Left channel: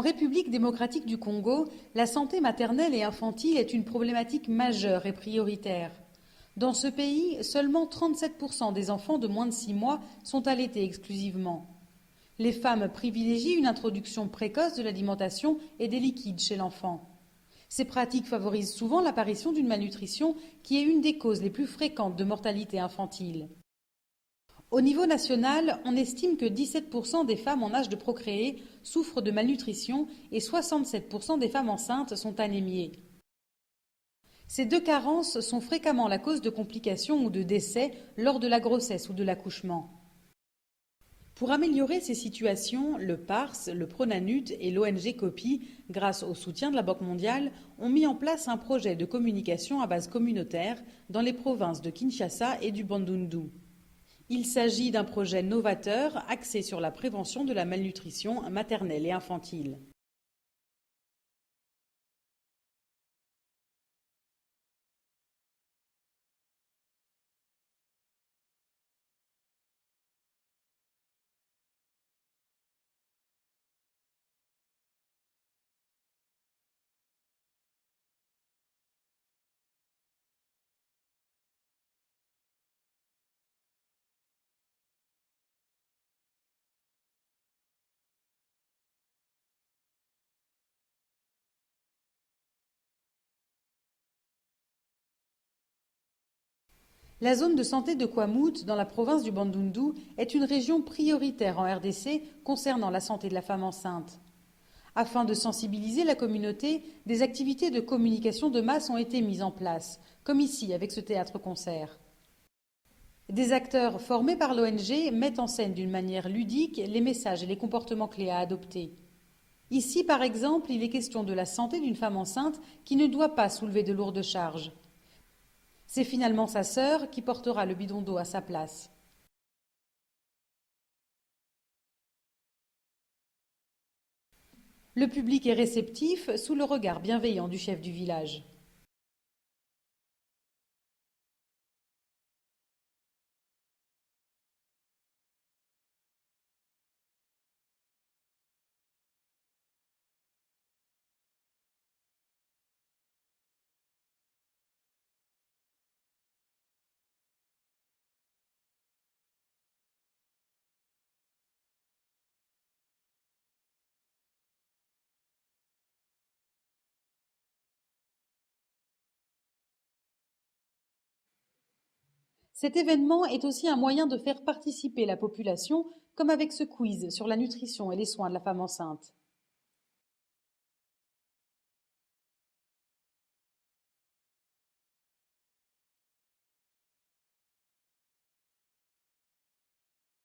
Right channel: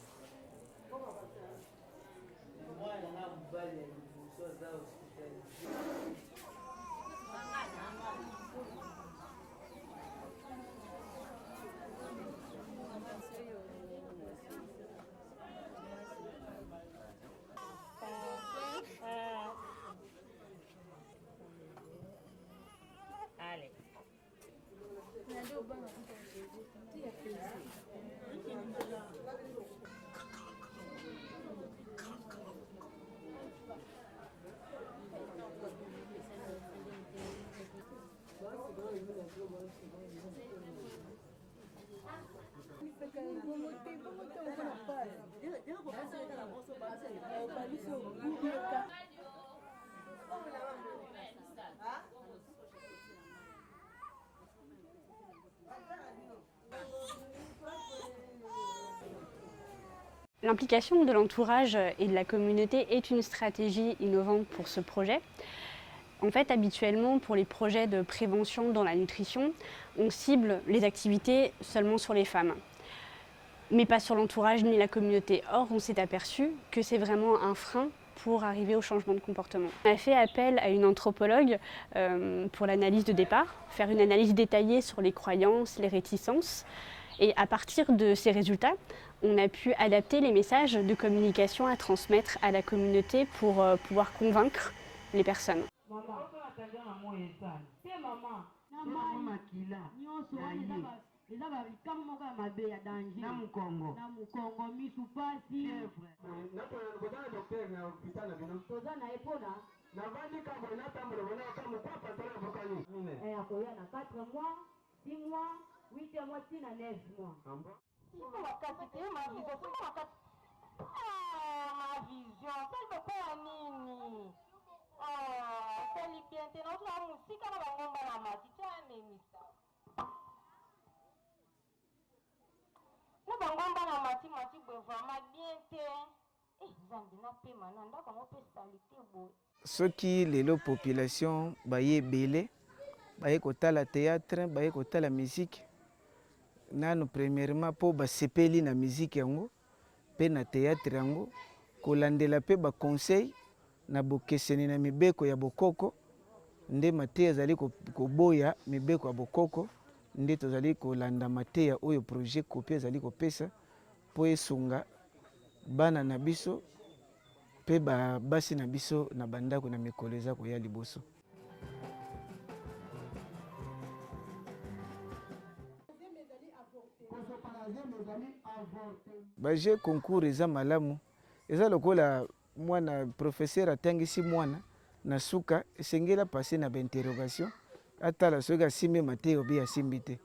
En République démocratique du Congo, la santé maternelle et infantile est une problématique majeure et prioritaire. Dans ce pays, seulement 37% des enfants de moins de 6 mois sont allaités exclusivement. Les femmes privilégient une introduction précoce de l'alimentation et des liquides chez l'enfant. Ces pratiques favorisent souvent l'apparition d'une malnutrition qui est une des causes les plus fréquentes de mortalité infantile. Au niveau national, on estime que 17% des femmes en âge de procréer souffrent de malnutrition et 67% des femmes enceintes sont anémiées. Ces deux carences sont fréquemment la cause de complications ou de décès lors de la grossesse ou de l'accouchement. Pour améliorer ces situations, le PARS, le Pronanut et l'ONG COPI, grâce au soutien de la Banque mondiale, ont mis en place un projet de communication à base communautaire dans les provinces de Kinshasa et du Bandundu. Il s'agit d'un projet novateur axé sur la prévention de la malnutrition maternelle et infantile. L'implication de l'entourage et de la communauté est une stratégie innovante pour ce projet. En fait, habituellement, pour les projets de prévention dans la nutrition, on cible les activités seulement sur les femmes, mais pas sur l'entourage ni la communauté. Or, on s'est aperçu que c'est vraiment un frein pour arriver au changement de comportement. On a fait appel à une anthropologue pour l'analyse de départ, faire une analyse détaillée sur les croyances, les réticences. Et à partir de ces résultats, on a pu adapter les messages de communication à transmettre à la communauté pour pouvoir convaincre les personnes. La zone de santé de Kwamout, dans la province du Bandundu, est une région prioritaire en RDC concernant la santé de la femme enceinte. Afin de sensibiliser la communauté, des activités de communication de masse ont été mises en place, comme ici avec ce théâtre-concert. Des acteurs formés par l'ONG mettent en scène d'une manière ludique les messages et les comportements clés à adopter. Ici, par exemple, il est question de la santé d'une femme enceinte qui ne doit pas soulever de lourdes charges. C'est finalement sa sœur qui portera le bidon d'eau à sa place. Le public est réceptif sous le regard bienveillant du chef du village. Ce qui est la population, est belé, la théâtre, la musique. Nanu premièrement pour basepeli na musique yango, pe na théâtre yango, kolandela pe ba conseil na bokeseni na mibeko ya bokoko, nde mateya zali koboya mibeko ya bokoko, nde tozali kolanda mateya oyo projet COPI zali kopesa po esunga bana na biso pe basi na biso na bandako na mikolo eza koya liboso. Cet événement est aussi un moyen de faire participer la population, comme avec ce quiz sur la nutrition et les soins de la femme enceinte. J'ai concours eza malamu. Eza lokola mwana professeur atangisi mwana na suka esengela passer na interrogation atala soka simbe mateo bi asimbite.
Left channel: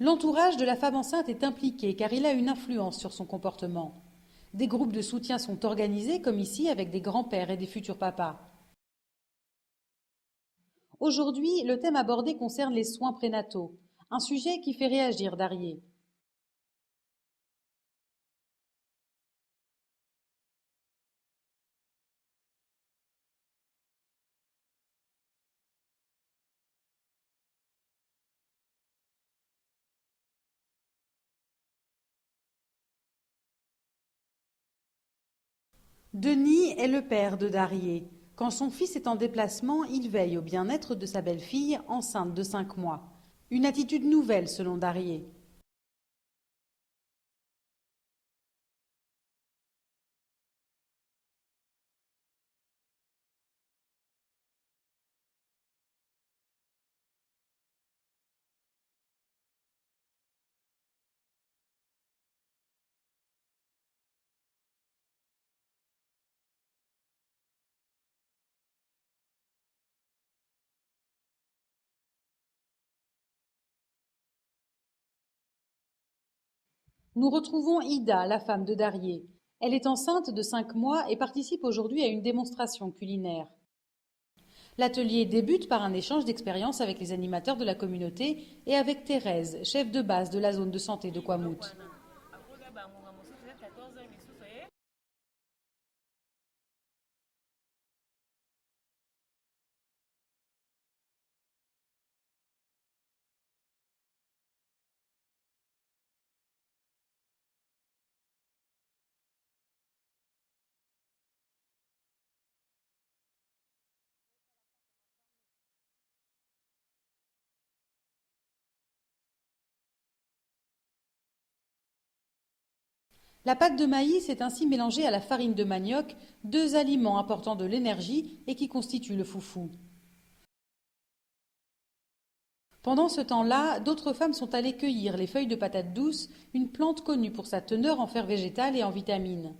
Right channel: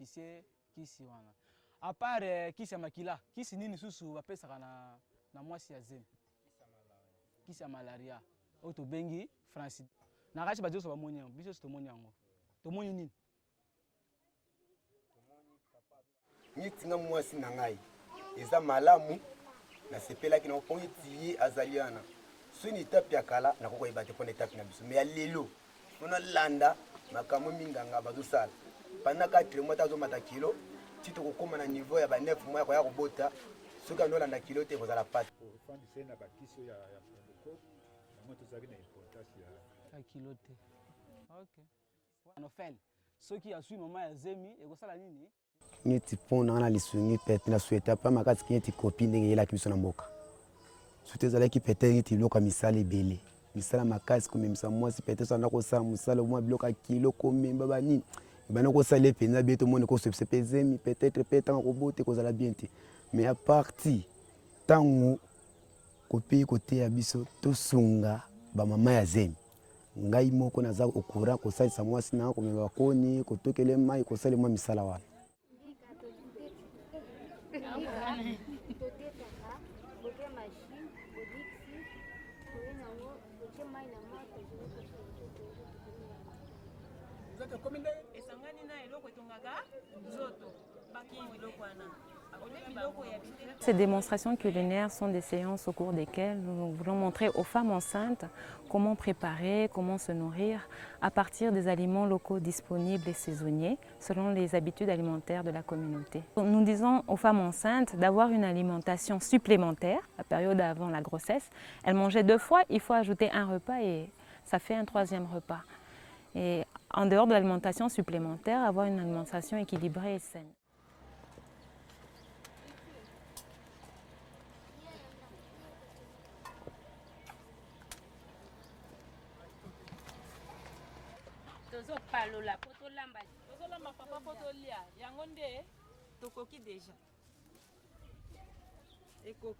L'entourage de la femme enceinte est impliqué car il a une influence sur son comportement. Des groupes de soutien sont organisés, comme ici, avec des grands-pères et des futurs papas. Aujourd'hui, le thème abordé concerne les soins prénataux, un sujet qui fait réagir Darié. Denis est le père de Darié. Quand son fils est en déplacement, il veille au bien-être de sa belle-fille enceinte de 5 mois. Une attitude nouvelle selon Darié. Mais à partir tango kopi côté abiso to sunga ba mama ya zemi ngai moko naza okura ko salisa mwasi na ko meba koni ko tokele mai ko sale mwa misala wana. Nous retrouvons Ida, la femme de Darié. Elle est enceinte de 5 mois et participe aujourd'hui à une démonstration culinaire. L'atelier débute par un échange d'expériences avec les animateurs de la communauté et avec Thérèse, chef de base de la zone de santé de Kwamout. ces démonstrations culinaires sont des séances au cours desquelles nous voulons montrer aux femmes enceintes comment préparer, comment se nourrir à partir des aliments locaux disponibles et saisonniers selon les habitudes alimentaires de la communauté. Nous disons aux femmes enceintes d'avoir une alimentation supplémentaire la période avant la grossesse. Elles mangeaient 2 fois, il faut ajouter un repas et ça fait un 3e repas. Et en dehors de l'alimentation supplémentaire, avoir une alimentation équilibrée et saine. La pâte de maïs est ainsi mélangée à la farine de manioc, 2 aliments apportant de l'énergie et qui constituent le foufou. Pendant ce temps-là, d'autres femmes sont allées cueillir les feuilles de patate douce, une plante connue pour sa teneur en fer végétal et en vitamines.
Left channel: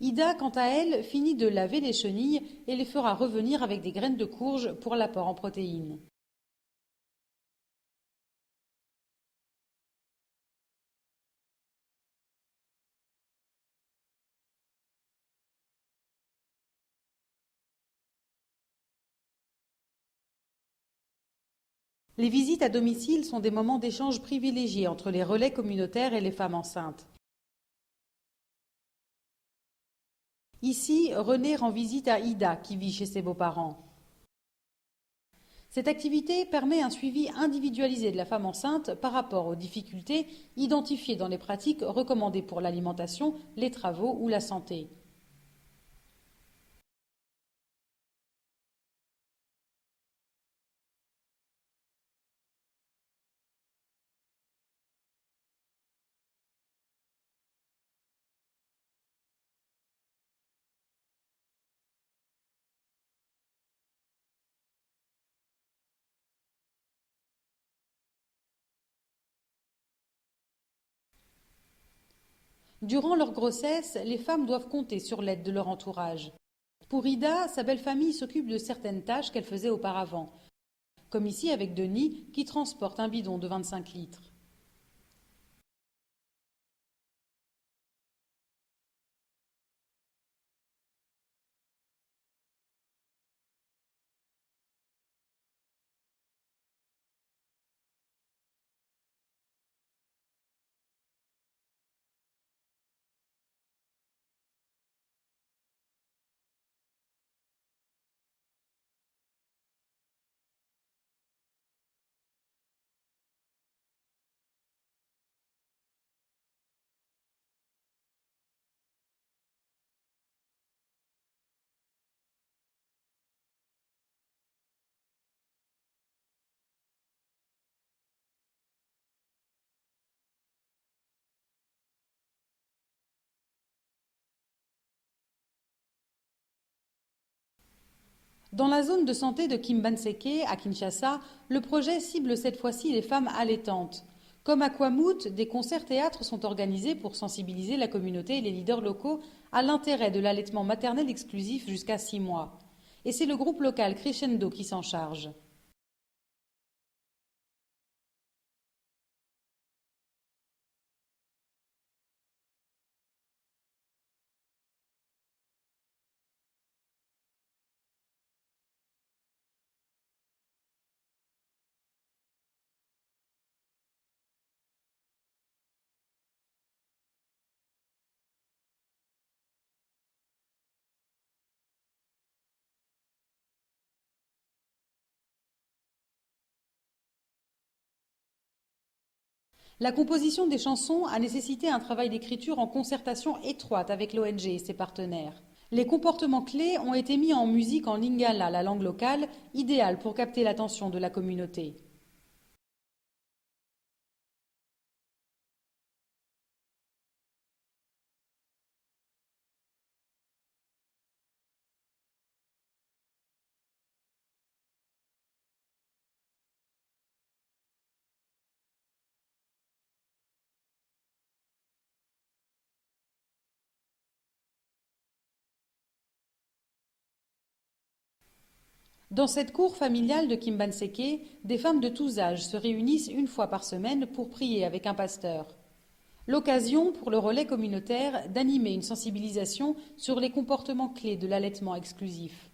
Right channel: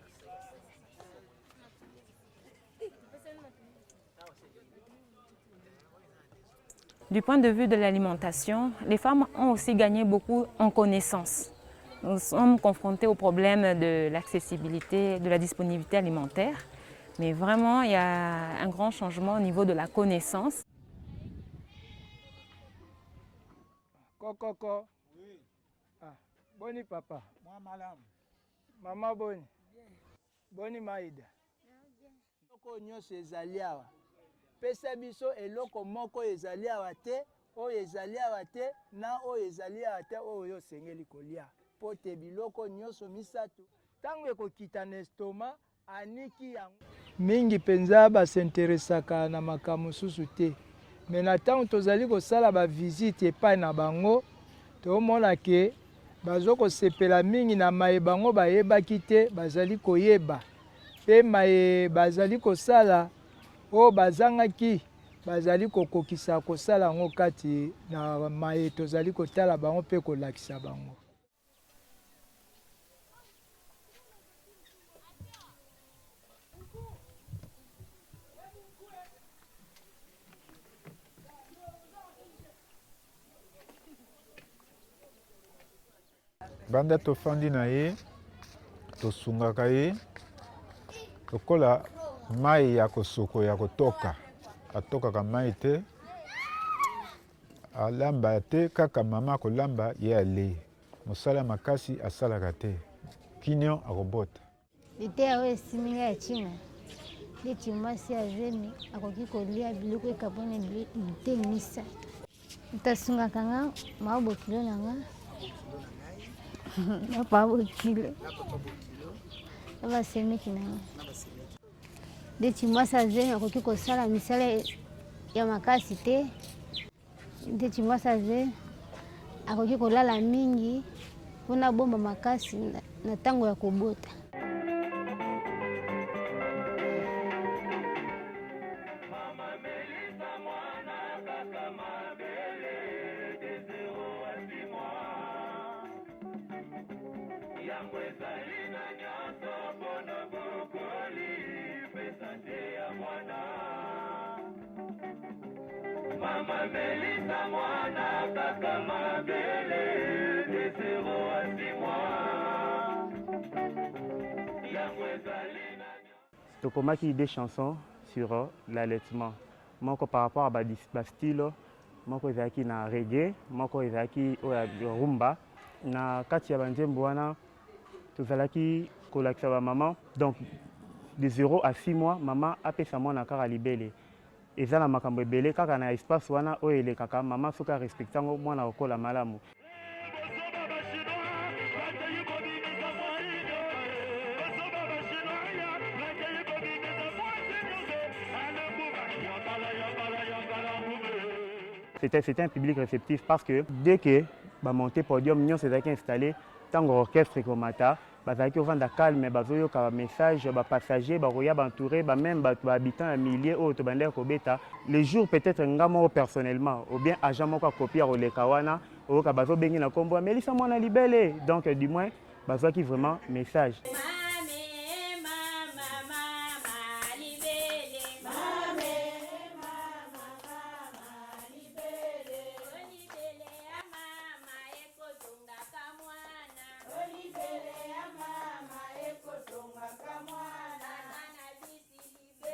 Ida, quant à elle, finit de laver les chenilles et les fera revenir avec des graines de courge pour l'apport en protéines. Du point de vue de l'alimentation, les femmes ont aussi gagné beaucoup en connaissances. Nous sommes confrontés au problème de l'accessibilité, de la disponibilité alimentaire, mais vraiment il y a un grand changement au niveau de la connaissance. Les visites à domicile sont des moments d'échange privilégiés entre les relais communautaires et les femmes enceintes. Ici, René rend visite à Ida qui vit chez ses beaux-parents. Cette activité permet un suivi individualisé de la femme enceinte par rapport aux difficultés identifiées dans les pratiques recommandées pour l'alimentation, les travaux ou la santé. Mingi penza basinteresaka na makambo susu te. Mais na ntango tozali kosala ba visite epai na bango, tomona ke bazo kosepela mingi na mayeba bango bayebaki te bazali koyeba. Pe bazali kosala o bazangaki bazali kokokisa kosala ngo kati na maye tozali kotala bango pe kolakisa bango. Durant leur grossesse, les femmes doivent compter sur l'aide de leur entourage. Pour Ida, sa belle-famille s'occupe de certaines tâches qu'elle faisait auparavant, comme ici avec Denis qui transporte un bidon de 25 litres. Banda tofandi na ye, tosungaka ye, tokola mai ya kosoko ya kotoka, atokaka mai te, alamba te kaka mama kolamba ye ale. Mosala makasi asalaka te, kinyo akobota. Ite awe esiminga ya china, neti mwasi azemi akoki kolia biloko ekabone bitengisa. Utasungaka nga maobo kilo na nga, maobo kilo, abasemeki na nga. Neti mwasi azemi akoki kosala misala ya makasi te, neti mwasi azemi akoki kolala mingi mpona bomba makasi na ntango ya kobota. Dans la zone de santé de Kimbanseke, à Kinshasa, le projet cible cette fois-ci les femmes allaitantes. Comme à Kwamut, des concerts-théâtres sont organisés pour sensibiliser la communauté et les leaders locaux à l'intérêt de l'allaitement maternel exclusif jusqu'à 6 mois. Et c'est le groupe local Crescendo qui s'en charge. Tokomaki des chansons sur l'allaitement. Moko par rapport à ba style, moko ezaki na reggae, moko ezaki rumba. Na kati ya banzembo wana tozalaki kolakisa ba maman. Donc de 0 à 6 mois, maman apesa mwana kaka libele. Eza na makambo ebele kaka na espace wana oyo elekaka maman soka respectango mwana okola malamu. La composition des chansons a nécessité un travail d'écriture en concertation étroite avec l'ONG et ses partenaires. Les comportements clés ont été mis en musique en lingala, la langue locale, idéale pour capter l'attention de la communauté. C'était un public réceptif parce que dès que monté podium, nous s'est installé tant orchestre komata, bazaki ovanda calme, bazoyoka message, passagers, baroya entouré, même habitants à milliers autres bander kobeta. Les jours peut-être ngamo personnellement ou bien agent moko copier au lekawana, au kabazo bengi na kombo, mais lisa mona libellé. Donc du moins bazaki vraiment message. Dans cette cour familiale de Kimbanseke, des femmes de tous âges se réunissent une fois par semaine pour prier avec un pasteur. L'occasion pour le relais communautaire d'animer une sensibilisation sur les comportements clés de l'allaitement exclusif.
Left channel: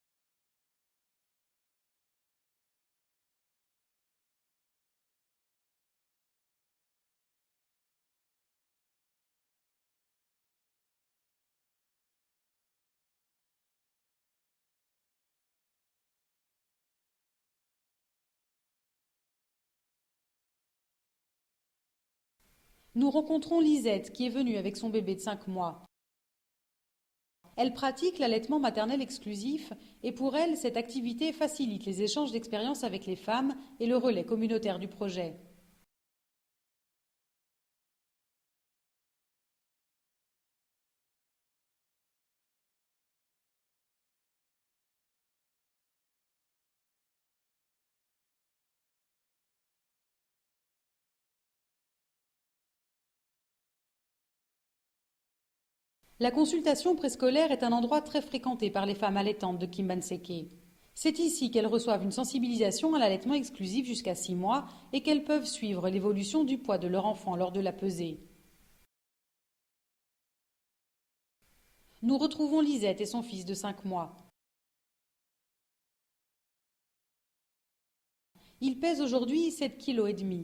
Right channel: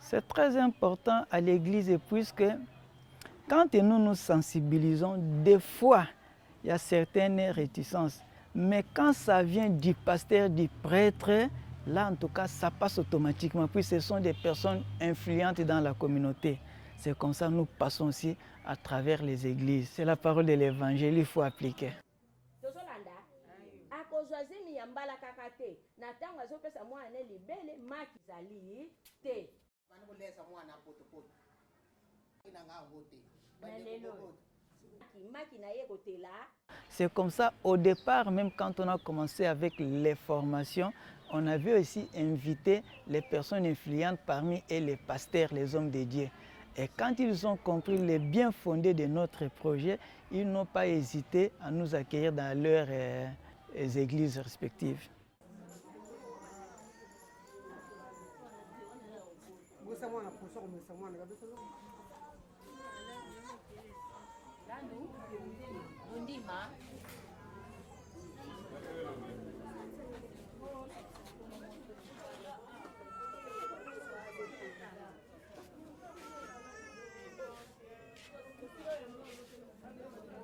C'est très important à l'Église puisque quand nous nous sensibilisons, des fois il y a certaines réticences. Mais quand ça vient du pasteur, du prêtre, là en tout cas ça passe automatiquement, puis ce sont des personnes influentes dans la communauté. C'est comme ça que nous passons aussi à travers les églises. C'est la parole de l'évangile, il faut appliquer. Nous rencontrons Lisette qui est venue avec son bébé de 5 mois. Elle pratique l'allaitement maternel exclusif et pour elle, cette activité facilite les échanges d'expériences avec les femmes et le relais communautaire du projet. C'est comme ça, au départ, même quand on a commencé avec les formations, on avait aussi invité les personnes influentes parmi eux, les pasteurs, les hommes de Dieu. Et quand ils ont compris les bien fondés de notre projet, ils n'ont pas hésité à nous accueillir dans leurs églises respectives. La consultation préscolaire est un endroit très fréquenté par les femmes allaitantes de Kimbanseke. C'est ici qu'elles reçoivent une sensibilisation à l'allaitement exclusif jusqu'à 6 mois et qu'elles peuvent suivre l'évolution du poids de leur enfant lors de la pesée. Nous retrouvons Lisette et son fils de 5 mois. Il pèse aujourd'hui 7,5 kg.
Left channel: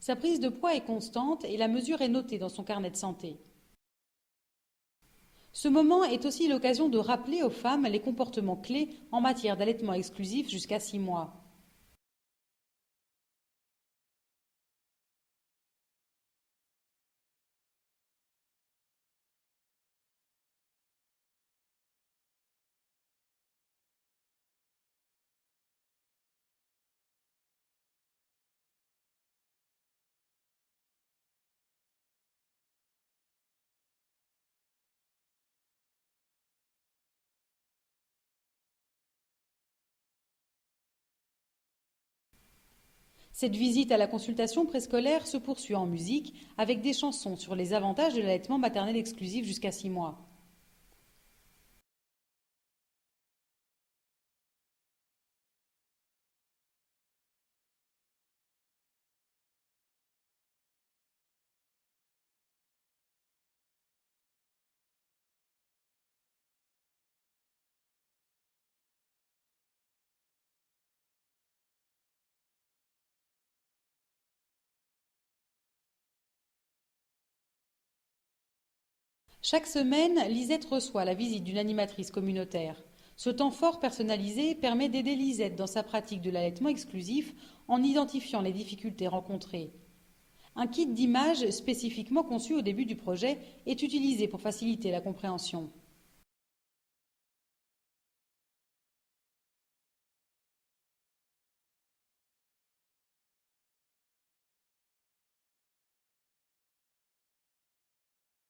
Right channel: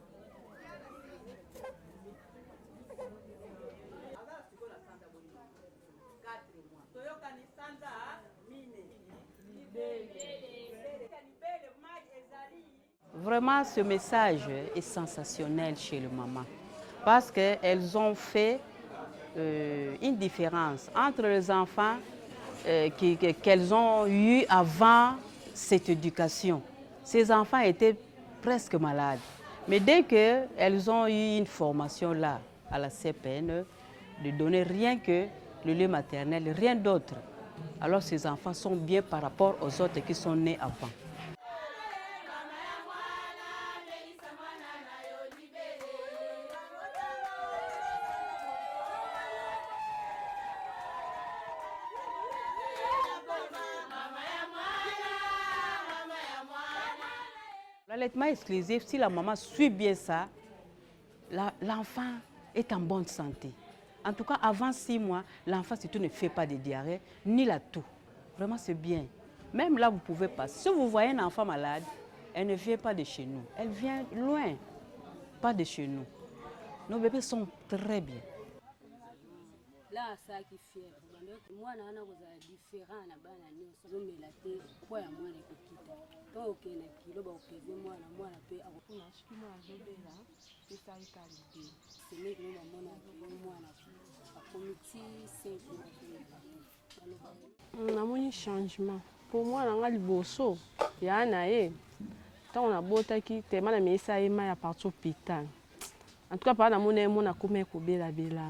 Sa prise de poids est constante et la mesure est notée dans son carnet de santé. Ce moment est aussi l'occasion de rappeler aux femmes les comportements clés en matière d'allaitement exclusif jusqu'à 6 mois. Vraiment, ce message est sensationnel chez les mamans parce qu'elles ont fait une différence entre les enfants qu'elles ont eus avant cette éducation. Ces enfants étaient presque malades. Mais dès qu'elles ont eu une formation là, à la CPN, de donner rien que le lait maternel, rien d'autre, alors ces enfants sont bien par rapport aux autres qui sont nés avant. Cette visite à la consultation préscolaire se poursuit en musique avec des chansons sur les avantages de l'allaitement maternel exclusif jusqu'à 6 mois. L'allaitement exclusif, si la maman suit bien ça, l'enfant est en bonne santé. En tout cas, avant 6 mois, l'enfant surtout ne fait pas de diarrhée, ni la toux. Vraiment, c'est bien. Même là, vous pouvez pas. Si vous voyez un enfant malade, elle ne vient pas de chez nous. Elle vient loin, pas de chez nous. Nos bébés sont très bien. Chaque semaine, Lisette reçoit la visite d'une animatrice communautaire. Ce temps fort personnalisé permet d'aider Lisette dans sa pratique de l'allaitement exclusif en identifiant les difficultés rencontrées. Un kit d'images spécifiquement conçu au début du projet est utilisé pour faciliter la compréhension. On a un changement. Pour moi, on a le bosso. Il y a un tant on a beau qui tellement la mise à éma à partir hôpital. En tout cas, par la monnaie, on a comme un coubé la bella.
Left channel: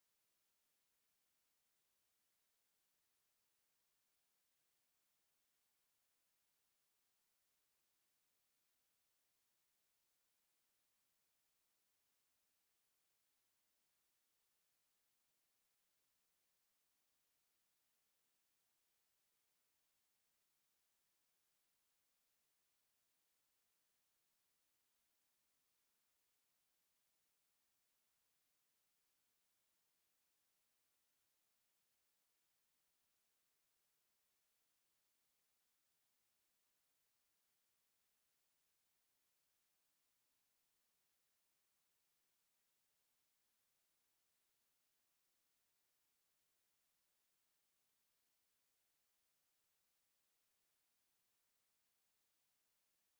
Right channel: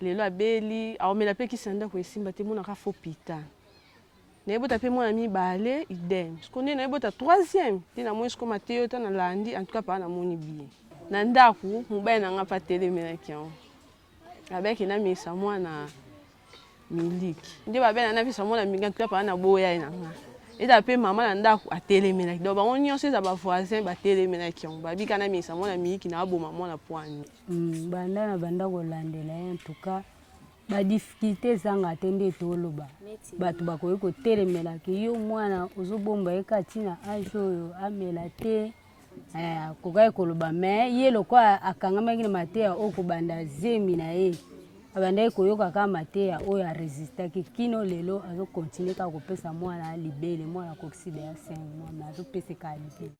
Les lois belli, alors mais la paix qui s'en donne pour simba te mon a fait hôpital. Ne bota pe mon ami balé idem. Ce qu'on est ne bota troisième. Ti na moi ce qu'on Mathéo ta na landi en tout cas par na moni bien. Na ndaku mobile na nga pa télé menakion. Avec ina misa moi na miliki. Ndi ba bena na visa moi na minga en tout cas par na boya ina nga. Et d'après maman na ndaku a télé menaki. Donc on nyonse za ba voisin ba télé menakion. Ba bi kana misa moi na miliki na abo maman na poani. Banda na banda kolandela en tout cas ba difficulté zanga tende toloba. Batu bakoyi kotelemela ke yo mwana ozobomba ekatina ajo oyo amela te kokai koloba me ye lokwa akangamaki na mateya okobanda zemi na ye abandaki koyoka ka mateya oyo aresistaki kino lelo azokontinue kaka kopesa mwana libele mwana kokside ya 5 mois me azopeseka libele.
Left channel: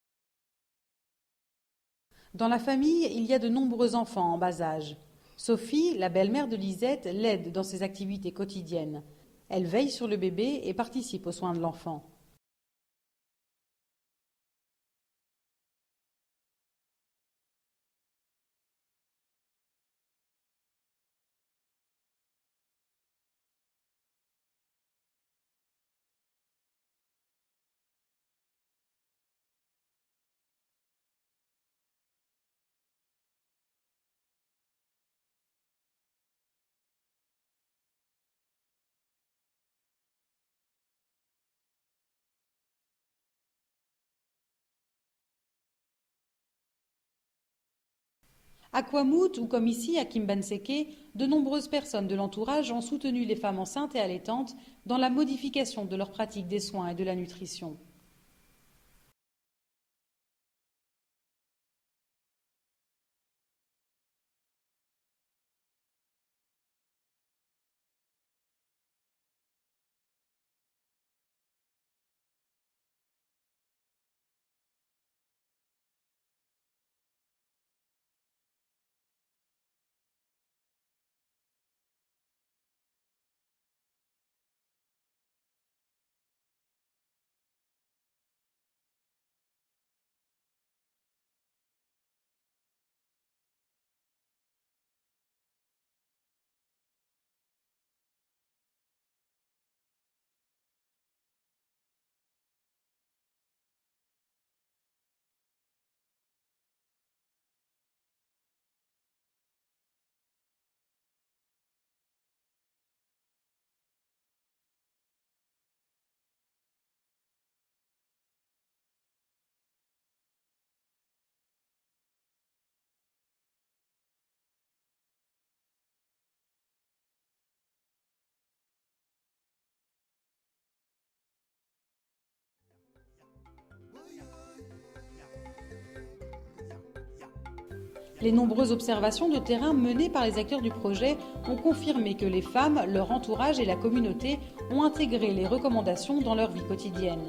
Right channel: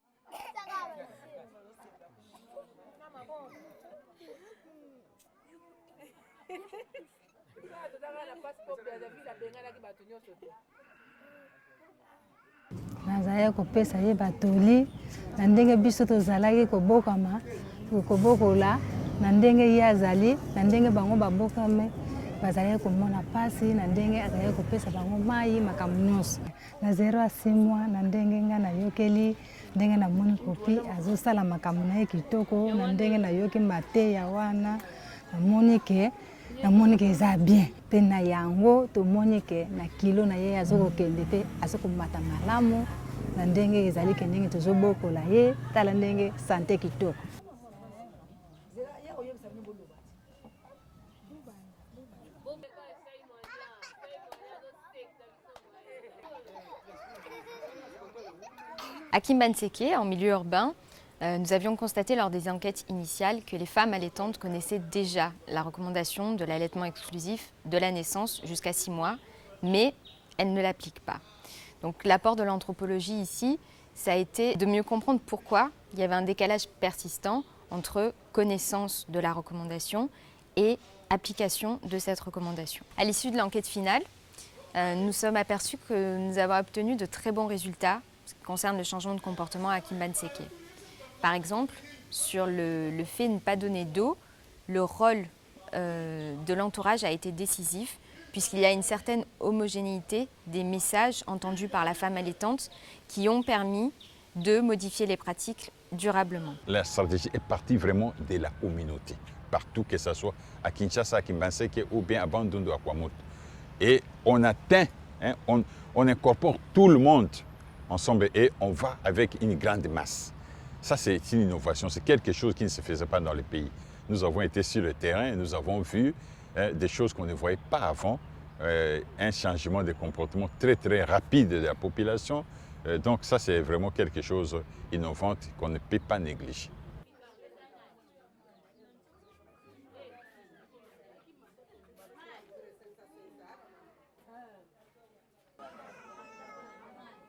Dans la famille, il y a de nombreux enfants en bas âge. Sophie, la belle-mère de Lisette, l'aide dans ses activités quotidiennes. Elle veille sur le bébé et participe aux soins de l'enfant. Nazaya kopesa ye batoli na ndenge biso tozalaki kobokama kobokola na ndenge ye azali na ndenge bango babokame bazalaki komona pasi na ndenge azalaki kopesa bango mai makambo nyonso na 0 à 6 mois na ndenge nga nayokeli ndenge namoni kopi azosala makambo na ye kitoko na ndenge nayoki mateya wana namoni ke eza bien mpe na yango tomoni ke na kilo na ye azokokende mpe azokomata malamu na ndenge ezali ke ndenge tozobokola ye tala ndenge sante kitoko. À Kwamut ou comme ici à Kimbanseke, de nombreuses personnes de l'entourage ont soutenu les femmes enceintes et allaitantes dans la modification de leur pratique des soins et de la nutrition. À Kimbanseke, en milieu urbain, Nous avions constaté lors des enquêtes initiales que les femmes allaitantes connaissaient déjà la recommandation de l'allaitement exclusif de la naissance jusqu'à 6 mois, mais elles ne l'appliquent pas. Donc l'apport de l'anthropologie ici, ça a été de mieux comprendre pourquoi il y avait un décalage persistant entre connaissance de la recommandation et application de cette recommandation. À l'issue de l'enquête finale, nous sommes aperçus que nous avons obtenu de très bons résultats en ce qui concerne le changement de comportement à Kimbanséké. Par exemple, sur le fait de ne pas donner d'eau, le rôle de l'entourage a été décisif puisqu'il y a une certaine homogénéité des messages entendus par la femme allaitante qui ont permis de modifier les pratiques durablement. La stratégie est partie vraiment de la communauté, partout que ce soit à Kinshasa, à Kimbanséké ou bien à Bandundu, à Kwamout. Et on atteint, on incorpore tout le monde ensemble et on va avec une grande masse. Ça, c'est une innovation, c'est quelque chose qui ne se faisait pas dans le pays. Nous avons été sur le terrain et nous avons vu des choses qu'on ne voyait pas avant, un changement de comportement très très rapide de la population. Donc ça, c'est vraiment quelque chose d'innovant qu'on ne peut pas négliger. Les nombreuses observations de terrain menées par les acteurs du projet ont confirmé que les femmes, leur entourage et la communauté ont intégré les recommandations dans leur vie quotidienne.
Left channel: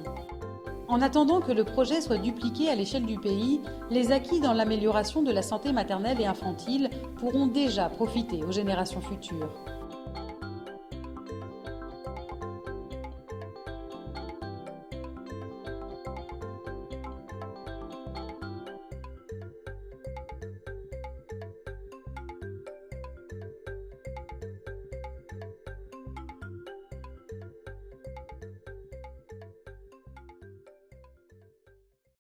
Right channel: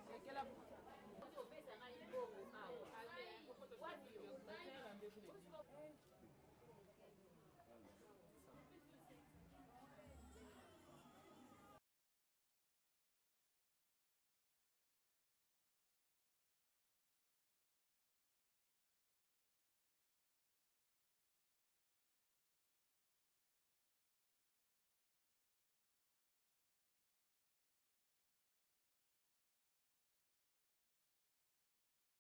En attendant que le projet soit dupliqué à l'échelle du pays, les acquis dans l'amélioration de la santé maternelle et infantile pourront déjà profiter aux générations futures.